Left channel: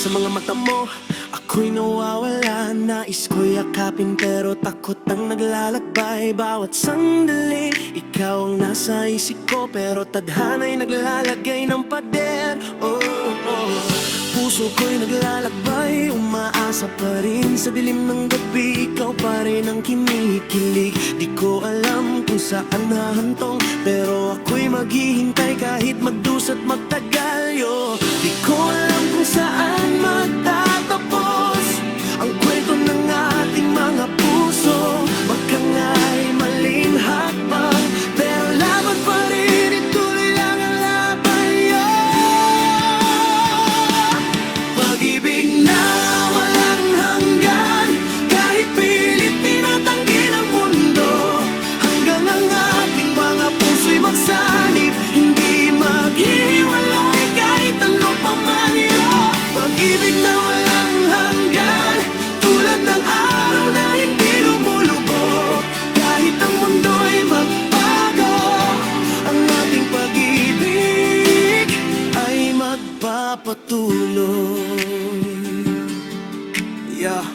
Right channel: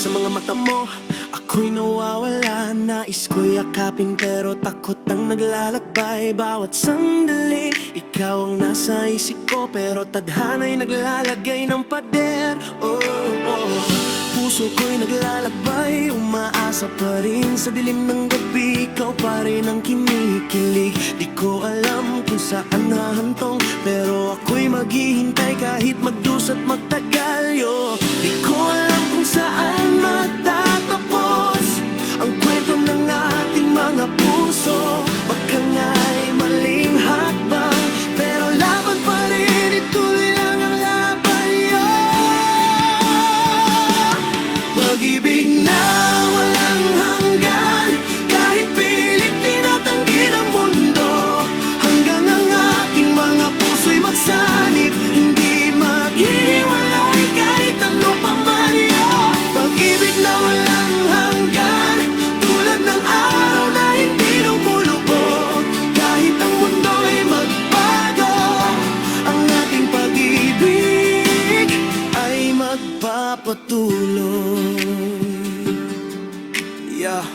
Sa mga mata mo, ako'y nawawala. Nais ko'y yakapin pero takot ang naglalakbay. Bawat sandali, ikaw ang nasa isip ko, pero tadhana'y naglalagay ng pader. Oh, oh. Puso ko'y naglalakbay, umaasa pa rin sa dilim ng gabi. Ikaw pa rin ang kinikilig. Di ko alam kung saan hahantong, pero ako'y maghihintay kahit magdusat magtagal. Di ko alam kung saan magtatapos ang kwento ng ating mga puso. Baka nga'y maling hakbang, pero laban pa rin, ituloy lang ang laban. Pag-ibig na walang hanggan, kahit pilit tinatanggi ng mundo, hanggang ang ating mga puso'y magsanib, hindi maghiwalay kahit ano pa man. Pag-ibig na walang hanggan, tulad ng araw na hindi lumulubog, kahit ang mundo'y magbago, ang ating pag-ibig ay magpapatuloy. Yeah.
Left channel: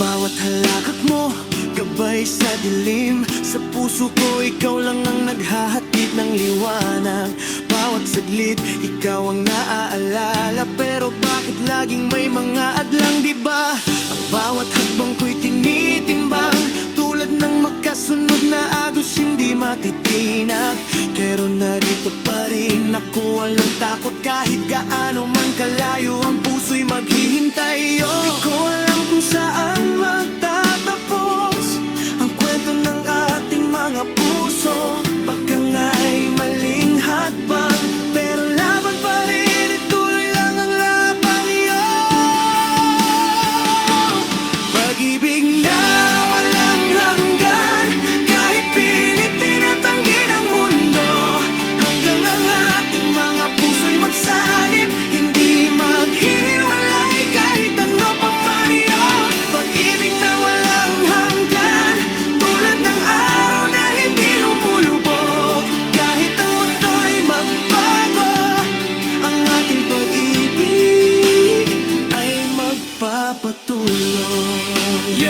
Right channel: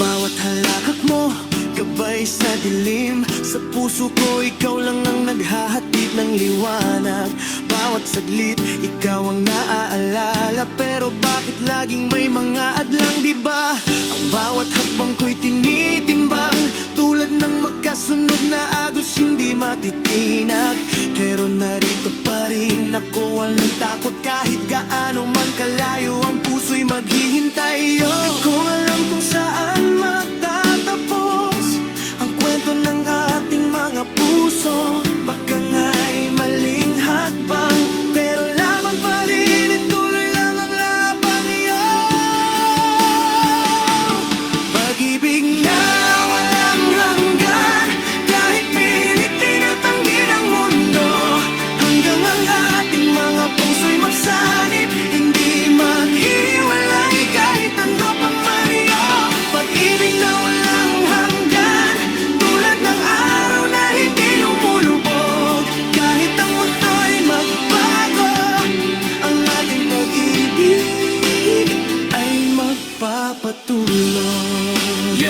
Bawat halakak mo, gabay sa dilim. Sa puso ko, ikaw lang ang naghahatid ng liwanag. Bawat saglit, ikaw ang naaalala, pero bakit laging may mga adlang, diba? Ang bawat hakbang ko'y tinitimbang, tulad ng makasunod na agos hindi matitinag. Pero narito pa rin ako, walang takot kahit gaano man kalayo ang puso'y maghihintay. Di ko alam kung saan magtatapos ang kwento ng ating mga puso. Baka nga'y maling hakbang, pero laban pa rin, ituloy lang ang laban. Pag-ibig na walang hanggan, kahit pilit tinatanggi ng mundo, hanggang ang ating mga puso'y magsanib, hindi maghiwalay kahit ano pa man. Pag-ibig na walang hanggan, tulad ng araw na hindi lumulubog, kahit ang mundo'y magbago, ang ating pag-ibig ay magpapatuloy.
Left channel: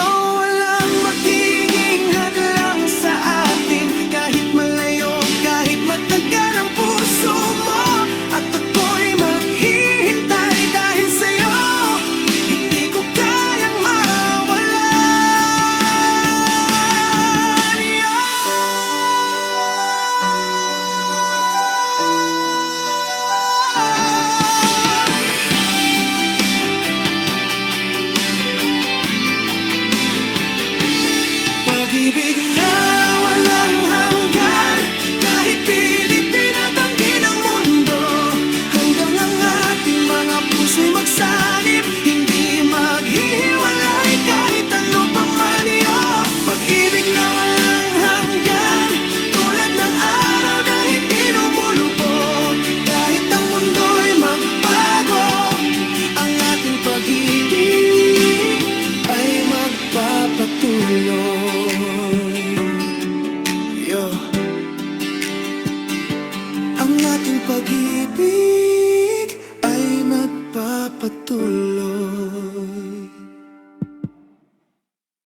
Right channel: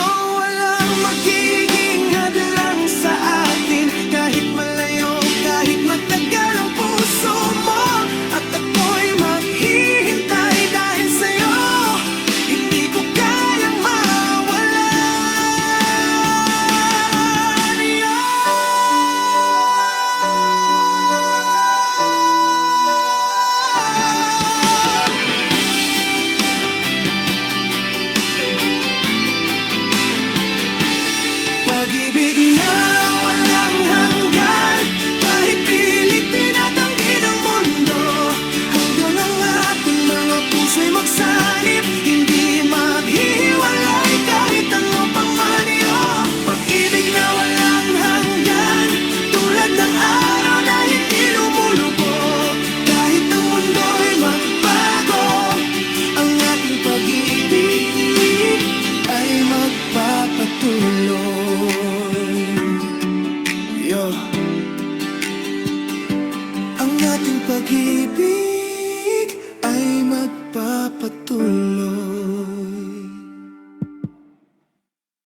Walang magiging hadlang sa atin, kahit malayo, kahit matagal ang puso mo, at ako'y maghihintay dahil sa'yo. Hindi ko kayang mawalan. Pag-ibig na walang hanggan, kahit pilit tinatanggi ng mundo, hanggang ang ating mga puso'y magsanib, hindi maghihiwalay kahit ano pang man. Pag-ibig na walang hanggan, tulad ng araw na hindi lumulubog, kahit ang mundo'y magbago, ang ating pag-ibig ay magpapatuloy. Ang ating pag-ibig ay magpapatuloy.